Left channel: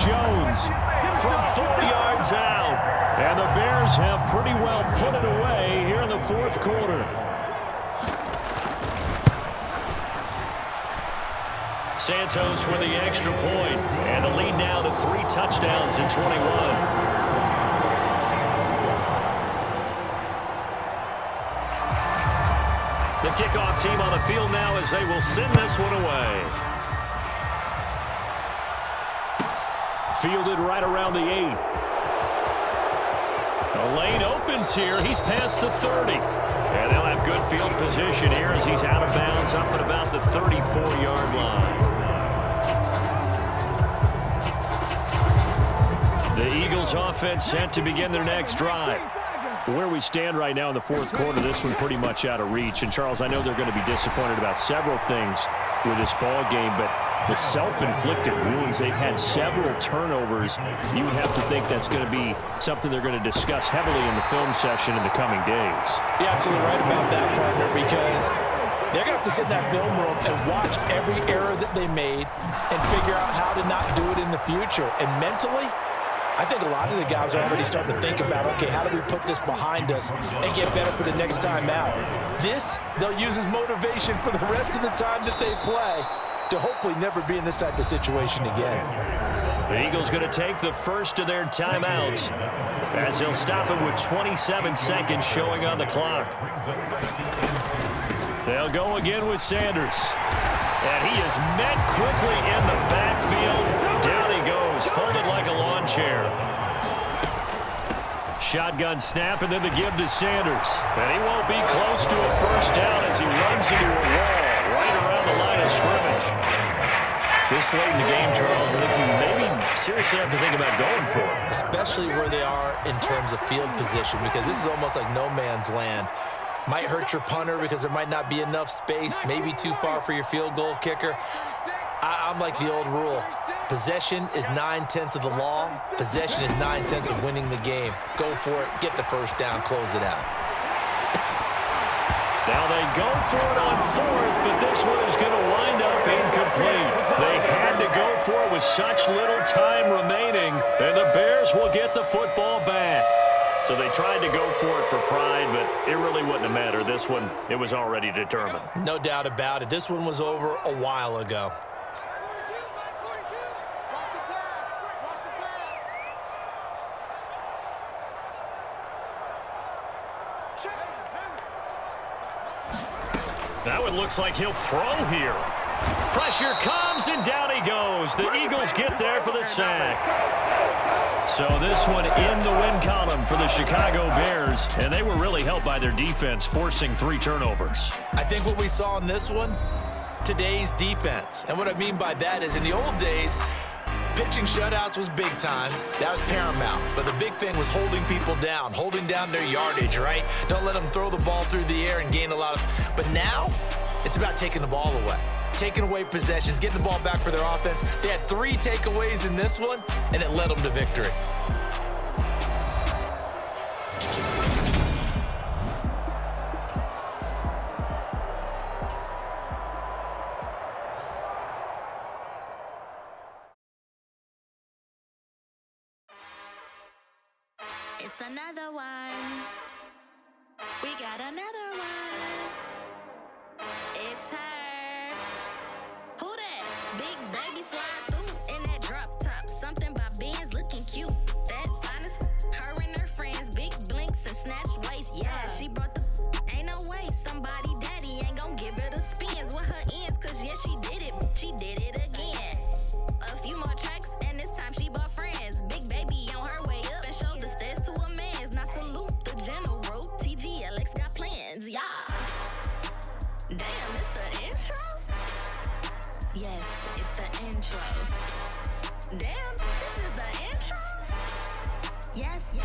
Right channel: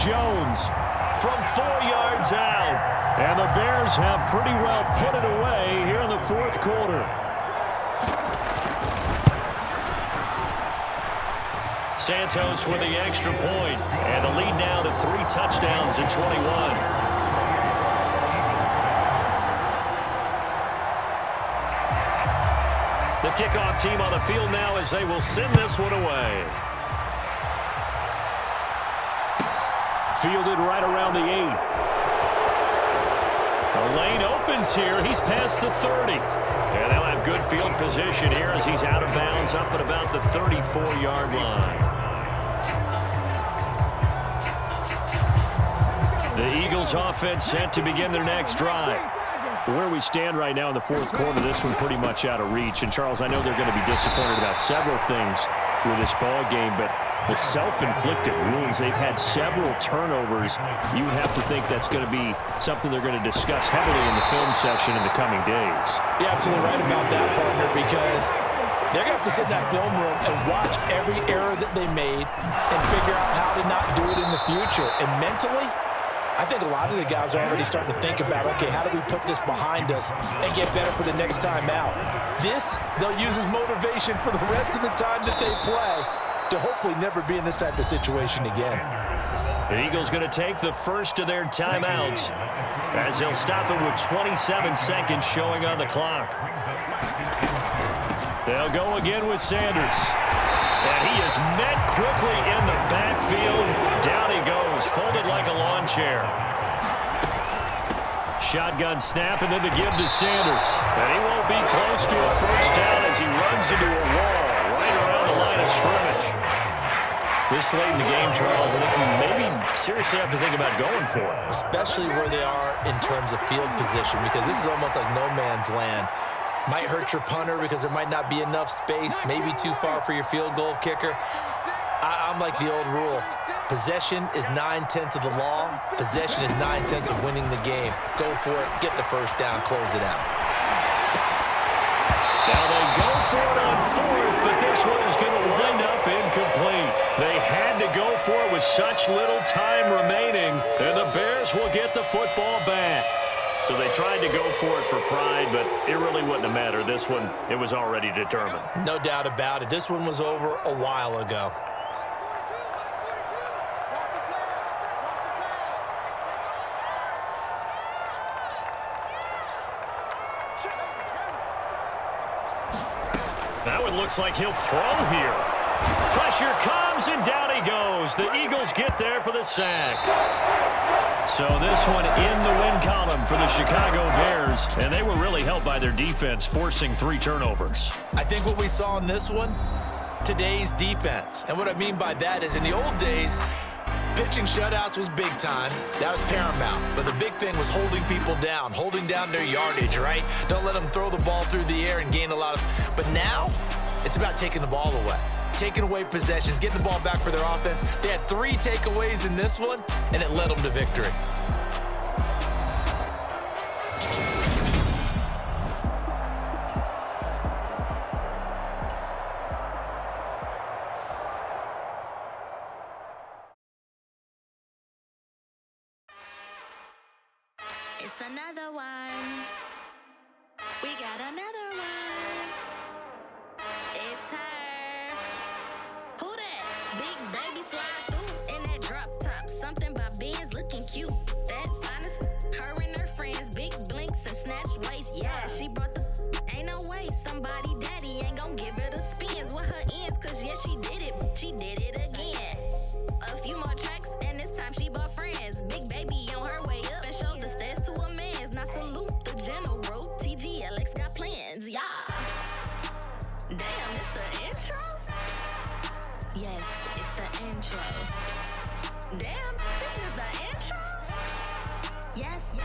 Jones from 4 yards out. And the Bears have pretty well put it away here in the fourth quarter. Santos with the extra point, and the lead now to 3 touchdowns in 21. The kickoff team on the field now as they will send this one away. Fielded right around the 8. The lane opens here. He's past the 30. And they'll have good field position here as he's out of bounds up at about the 34-yard line. The Eagles offense set to begin their next drive. Where we stand right now in the fourth quarter, this one pretty much out of reach. And, Charles, I know they're going to be disappointed about several things with this ball game, but the self-inflicted wounds, they've had several turnovers. You would have to think that's going to be something they're going to discuss heavily in the film session in the coming days. You're absolutely right about that, partner, because they're going to have to sit in that film room and watch every error that they made and figure out how to not do it in the future. And mentally, I think a lot of the guys are already starting to think about, okay, how do we put this behind us and get better for the next time out? This, they'll use as motivation for the rest of the time that they play to hopefully never be in this type of situation again. The Eagles going to take the first of their timeouts as they'll stop it with 27 seconds showing on the clock. They'll go again with Sanders. And he is met quickly in the backfield. Down he goes, folded like a lawn chair. Shotgun snap, and then the give to Sanders. And he won't be close to a first down as he runs into a wall right around the line of scrimmage. This late in the game, Charles, I think you maybe seriously have to think about going for it. Especially where they are in terms of field position, because this is almost like no man's land. Might hurt your punter because there might not be enough space, maybe too far for your field goal kicker. I'm like the old rule. Possession is 9/10 of the law. Possession is 9/10 of winning the game. Go for it, get the first down, close it out. Now they go for it on fourth, but this one is going to wind up incomplete. They had to go for it with such little time remaining, and the Bears will get the football back. So they tried to go for it for pride, but it really wouldn't have mattered. This one, it was already determined. No doubt about it. This one was over a while ago. Now it looks like he'll throw here. Pressure comes, and down he goes. The Eagles get there for the sack. So this one in the win column for the Chicago Bears, and they were really helped by their defense, forcing 3 turnovers. I think what we saw in this one, today's defense. And what I mean by that is in the old days, pitching shutouts was big time. That was paramount. But the big thing was holding people down, holding down their yardage, right? Don't let them throw the ball through the air and gain a lot of... But now, it's about taking the ball away. Taking away possessions, getting the ball back for their offense. They had 3 takeaways in this one, and it led them to victory. It's another one. We got another one. It's her. Who that? Big baby slide through in that drop top. Something by Benz looking cute. That's honest. Her and her friends, big blinks and snatch waist. Yeah, she brought the. Ain't no way somebody daddy ain't gon' give her the spins with her ends. Cause yeah, she did it. She did it again. A few more tracks and this time she bought friends. Big baby on her way up and showed the stairs to a man's. Now salute the general. TGLX got plans. Yeah. Damn, it's the intro? Yes, it's the intro. Damn, this is the intro? Yes, it's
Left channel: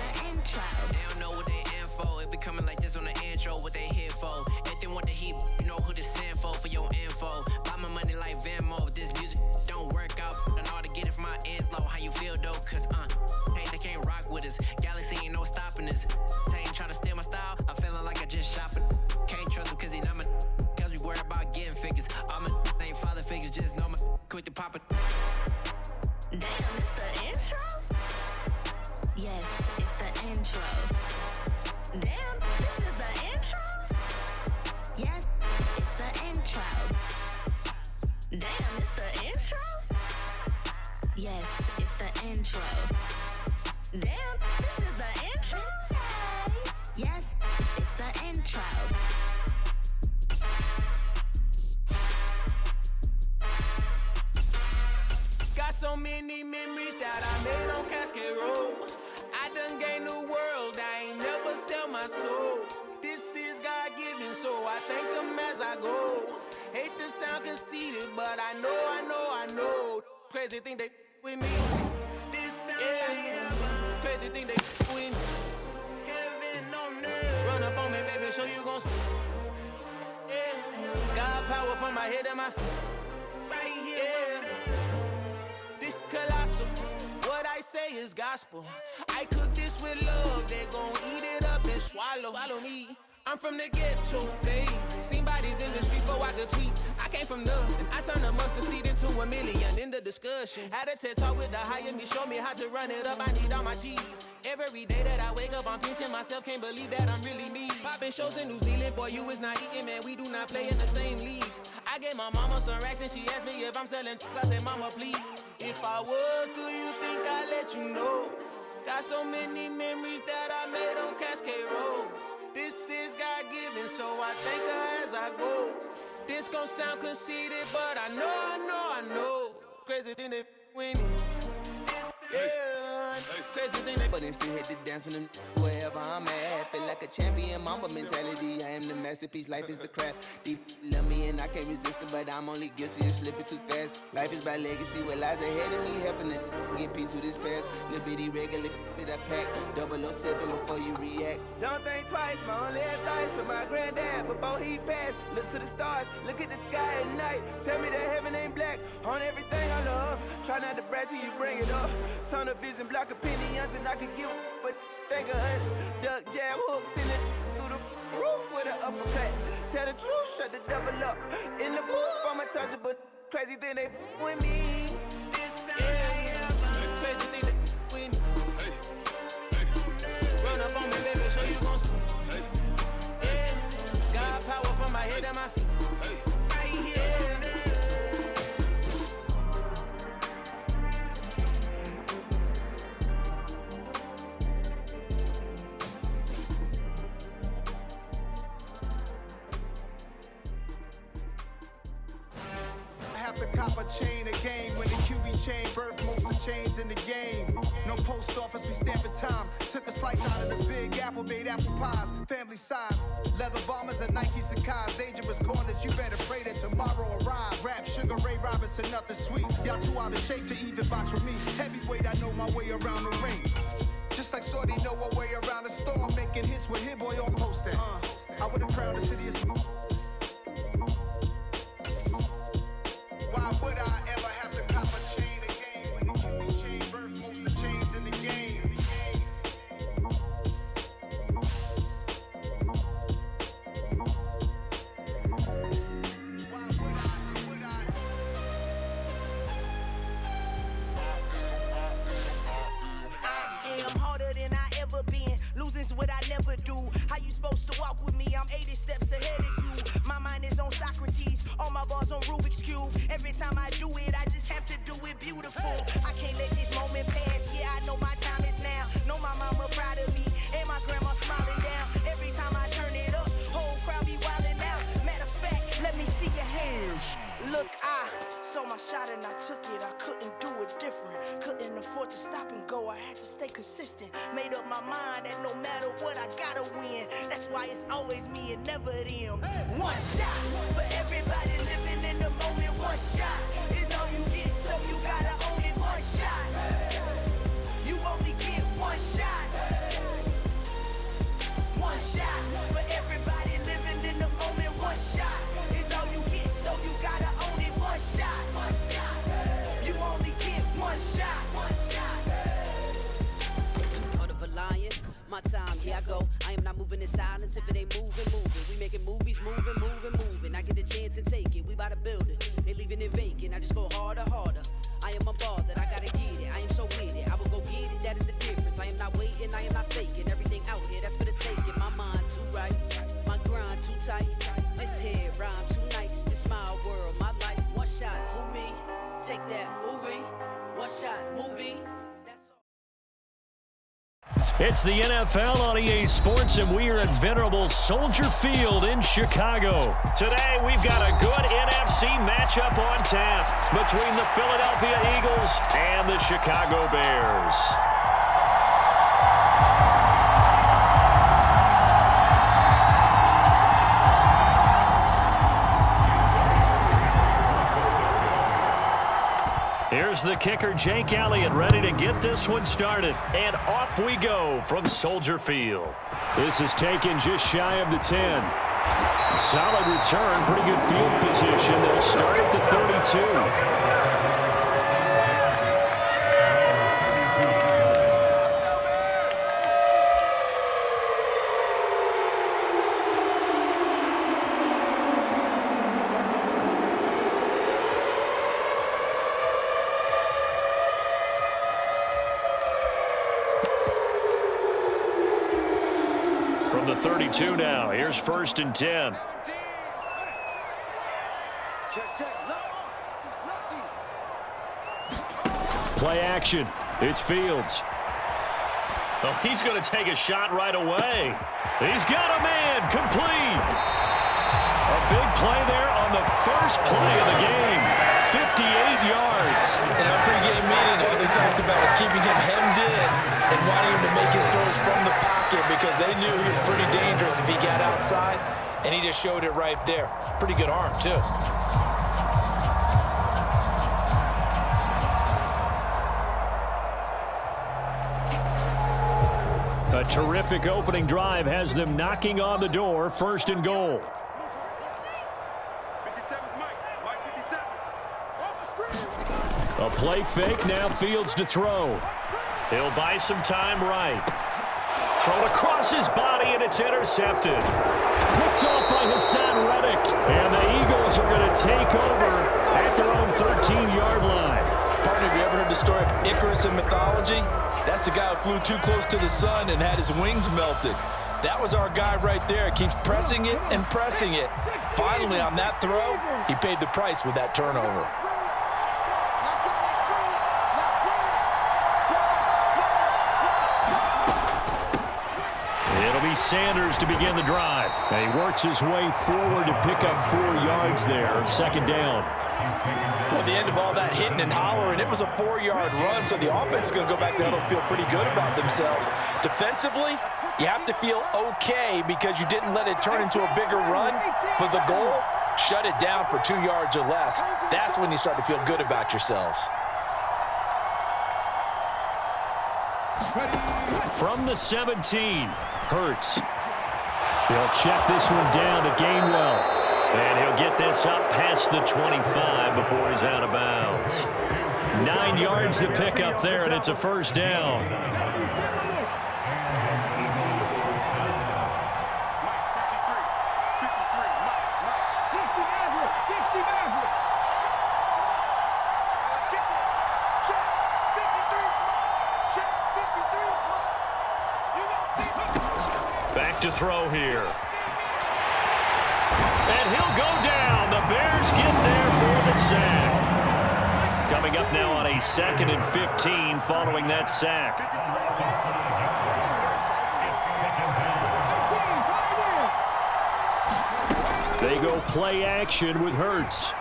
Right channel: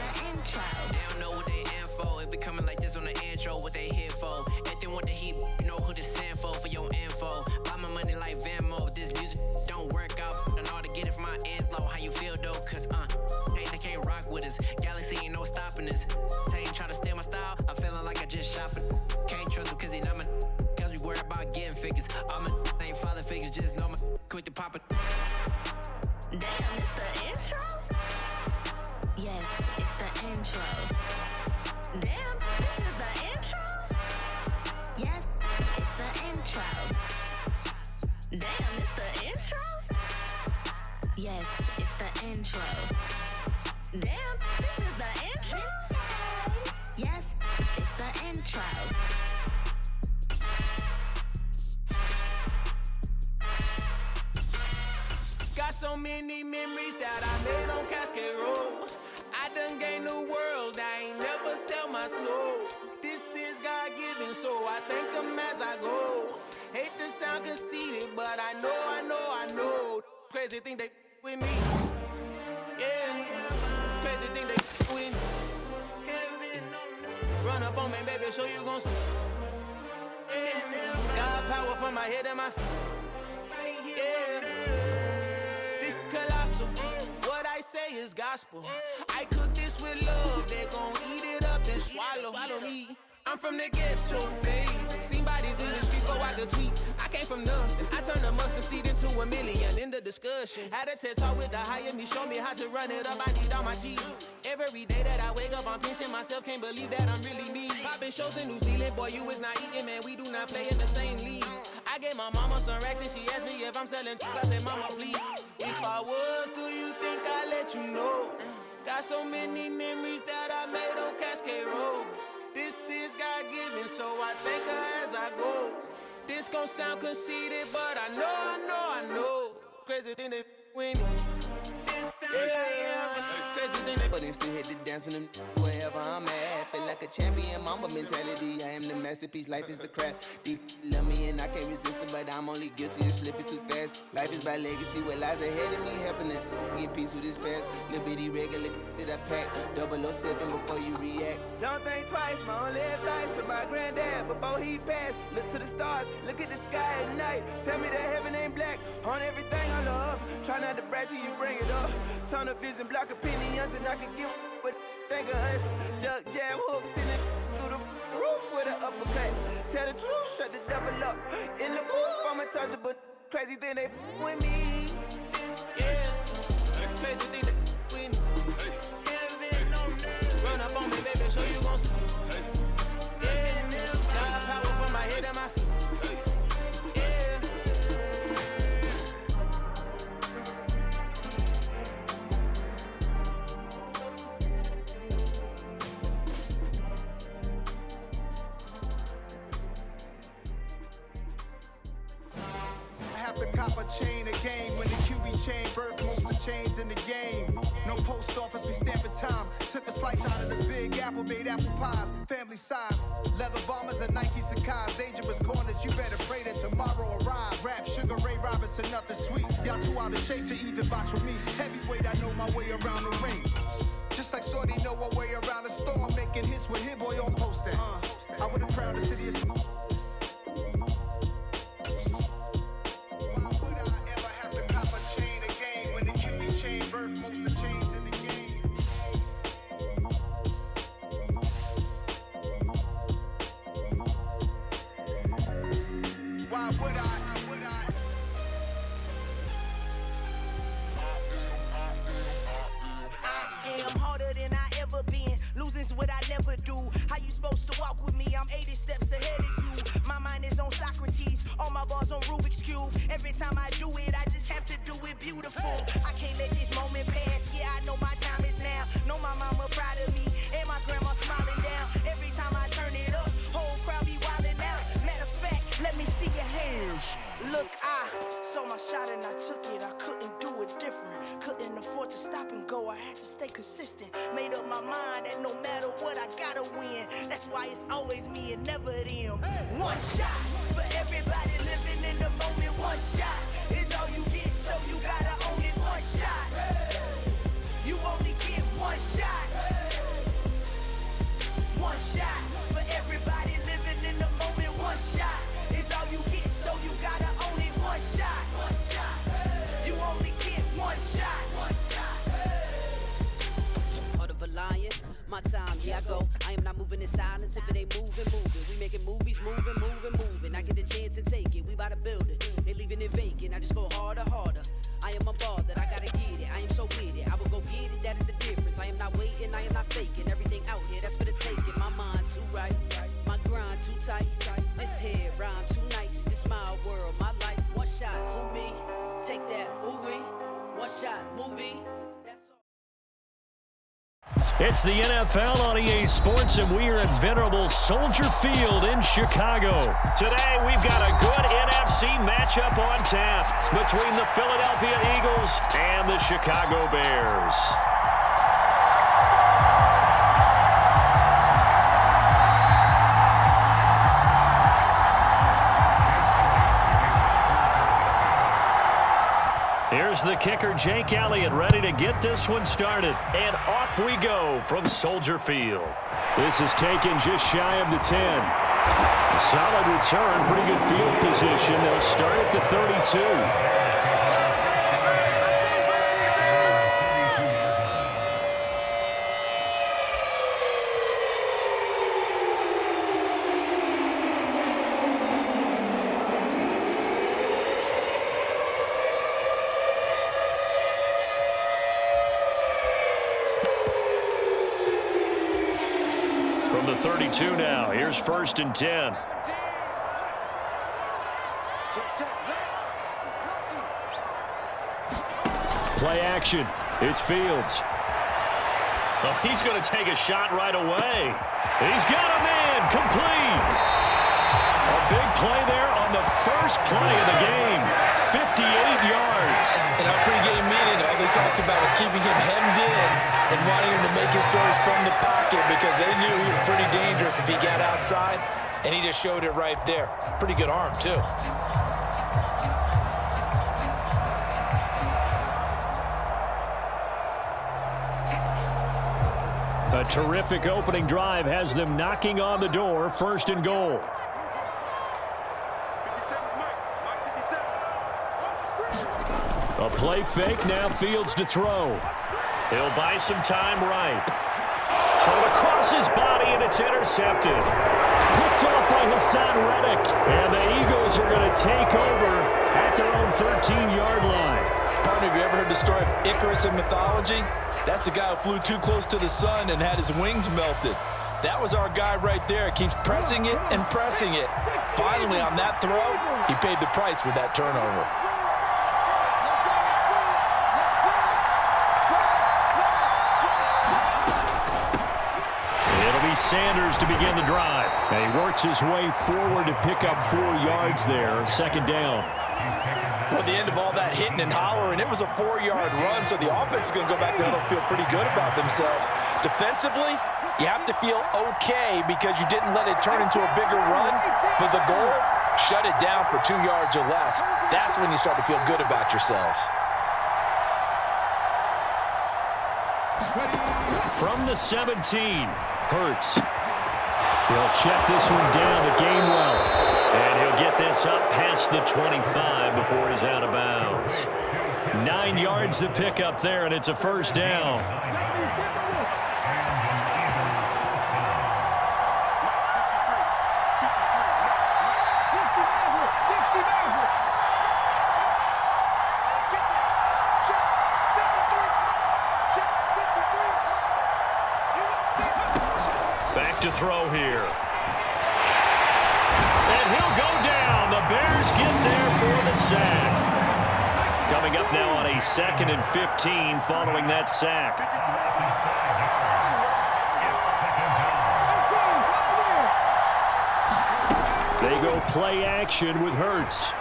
the intro. They don't know what they in for. If it coming like this on the intro, what they here for? If they want the heat, you know who to send for your info. Buy my money like Venmo. If this music don't work out, and all to get it from my ends low. How you feel though? Cause hey, they can't rock with us. Galaxy ain't no stopping us. They ain't try to steal my style. I'm feeling like I just shot for. Can't trust them cause they not my. Cause we worried about getting figures. All my ain't father figures, just know my quick to pop it. Damn. it's the intro? Yes, it's the intro. Damn, this is the intro? Yes, it's the intro. Damn, it's the intro? Yes, it's the intro. Damn, this is the intro? Yes, it's the intro. Got so many memories that I made on Cascade Road. I done gained the world, I ain't never sell my soul. This is God-given, so I thank him as I go. Hate to sound conceited, but I know. Crazy thing they with me. Yeah, crazy thing they with me. Run up on me, baby, show you gon' see. Yeah, God power from my head to my feet. Yeah, this colossal. What I say is gospel. I cook this with love. They gon' eat it up and swallow me. I'm from the ghetto, babe. Seen bodies in the street before I could tweet. I came from nothing. I turned a mustard seed into a million in the discussion. Had a TED talk with the higher me, show me how to run it up. I need all my cheese. Every day that I wake up, I'm pinching myself. Can't believe that I'm really me. Popping shows in New Zealand, boy, you is not eating, man. We do not play in the same league. I gave my mama some racks and she asked me if I'm selling. I said, mama, please. If I was, do you think I'd let you know? Got so many memories that I made on Cascade Road. This is God-given, so I thank her as I go. This gon' sound conceited, but I know. Crazy thing they with me. Yeah, crazy thing they. But then still hit the dance and them wherever I'm at. Feel like a champion, mama mentality. I am the masterpiece, life is the crap. Deep love me and I can't resist it, but I'm only guilty of slipping too fast. Life is about legacy, what lies ahead of me, helping to get peace with his past. Little bitty regular that I pack, 007 before you react. Don't think twice, my only advice for my granddad before he passed. Look to the stars, look at the sky at night. Tell me that heaven ain't black on everything I love. Try not to brag till you bring it up. Tunnel vision, block opinions, and I could give but think of us. Duck jab hooks in it through the roof with an uppercut. Tell the truth, shut the devil up. In the booth, I'm untouchable. Crazy thing they with me. Yeah, crazy thing they with me. Run up on me, baby, show you gon' see. Yeah, God power from my head and my feet. Yeah. Have to cop a chain again when the QB chain birth most of chains in the game. No post office, we stamping time. Took a slice out of the big apple, made apple pies, family size. Leather bombers and Nike Sakai's. Dangerous corners, you better pray that tomorrow arrives. Rap, Sugar Ray Robinson, nothing sweet. Y'all too out of shape to even box with me. Heavyweight, I know my way around the ring. Just like Shorty know her way around the storm, making hits with Hit Boy on poster. I would've crowned the city as. Why would I ever have to cop a chain again when the QB chain birth most of chains in the game? Why would I? I am harder than I ever been. Losing's what I never do. How you supposed to walk with me? I'm 80 steps ahead of you. My mind is on Socrates, all my bars on Rubik's Cube. Every time I do it, I just have to do it beautiful. I can't let this moment pass. Yeah, I know my time is now. Know my mama proud of me, and my grandma smiling down. Every time I turn it up, whole crowd be wildin' out. Matter of fact, let me see your hands. Look, I saw my shot and I took it. I couldn't do it different. Couldn't afford to stop and go. I had to stay consistent. Made up my mind that no matter what, I gotta win. That's why it's always me and never them. One shot for everybody living in the moment. One shot is all you get, so you gotta own it. One shot. You only get one shot. One shot for everybody living in the moment. One shot is all you get, so you gotta own it. One shot. You only get one shot. Heart of a lion, my time, here I go. I am not moving in silence. If it ain't moving. We making movies, moving. I get a chance and take it. We bout to build it. They leaving it vacant. I just go harder. I am a ball that I gotta get it. it. I am so with it. I will go get it. That is the difference. I am not waiting. I am not faking. Everything out here, that's for the taking. My mind too right. My grind too tight. This head rhyme too nice. This my world, my life. One shot, who me? Take that, ooh-wee. One shot, movie. It's the NFL on EA Sports, and we are at venerable Soldier Field in Chicago. Today, we've got a good NFC matchup on tap between the Philadelphia Eagles and the Chicago Bears. Here's the kicker, Jake Elliott, ready to get this one started. And off we go from Soldier Field. This is taken just shy of the 10. Solid return, pretty good field position. They'll start at the 32. From the 32 now, here's 1st and 10. Play action. It's Fields. Oh, he's going to take a shot right away. He's got a man. Complete. A big play there on the first play of the game. 58 yards. In our pregame meeting, all they talked about was keeping him hemmed in and wanting him to make his throws from the pocket because they knew he was pretty dangerous if he got outside, and he just showed it right there. Pretty good arm, too. A terrific opening drive has them knocking on the door. 1st and goal. A play fake, now Fields to throw. He'll buy some time right. Thrown across his body, and it's intercepted. Picked off by Hassan Reddick. And the Eagles are going to take over at their own 13-yard line. Partner, have you ever heard the story of Icarus in mythology? That's the guy who flew too close to the sun and had his wings melted. That was our guy right there. Keeps pressing it and pressing it. Finally, on that throw, he paid the price with that turnover. It'll be Sanders to begin the drive. And he works his way forward to pick up 4 yards there. 2nd down. Well, at the end of all that hitting and hollering, it was a 4-yard run, so the offense is going to go back there and feel pretty good about themselves. Defensively, you have to feel okay because you didn't let it turn into a bigger run, but the goal, shut it down for 2 yards or less. That's when you start to feel good about yourselves. From the 17, Hurts. He'll check this one down to Gainwell. And he'll get this up past the 25 before he's out of bounds. 9 yards to pick up there, and it's a 1st down. Back to throw here. And he'll go down. The Bears get there for the sack. Coming up now on a 2nd and 15 following that sack. They go play action with Hurts.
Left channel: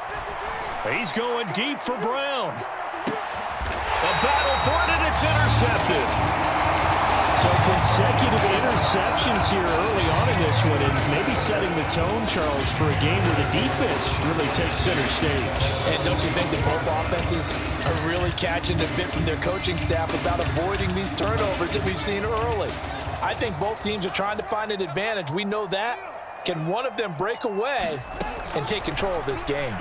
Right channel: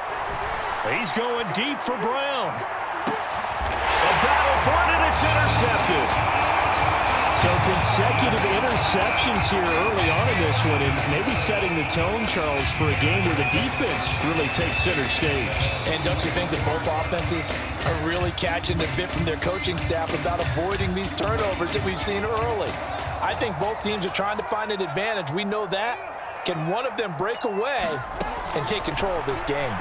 He's going deep for Brown. A battle for it, and it's intercepted. So consecutive interceptions here early on in this one, and maybe setting the tone, Charles, for a game where the defense really takes center stage. And don't you think that both offenses are really catching a bit from their coaching staff about avoiding these turnovers that we've seen early? I think both teams are trying to find an advantage. We know that. Can one of them break away and take control of this game?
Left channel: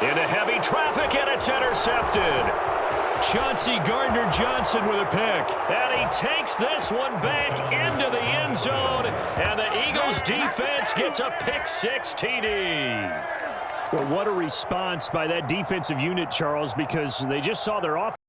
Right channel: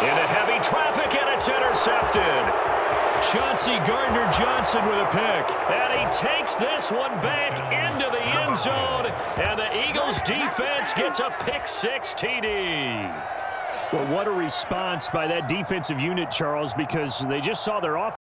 Into heavy traffic, and it's intercepted. Chauncey Gardner-Johnson with a pick. And he takes this one back into the end zone. And the Eagles defense gets a pick 6 TD. Well, what a response by that defensive unit, Charles, because they just saw their offense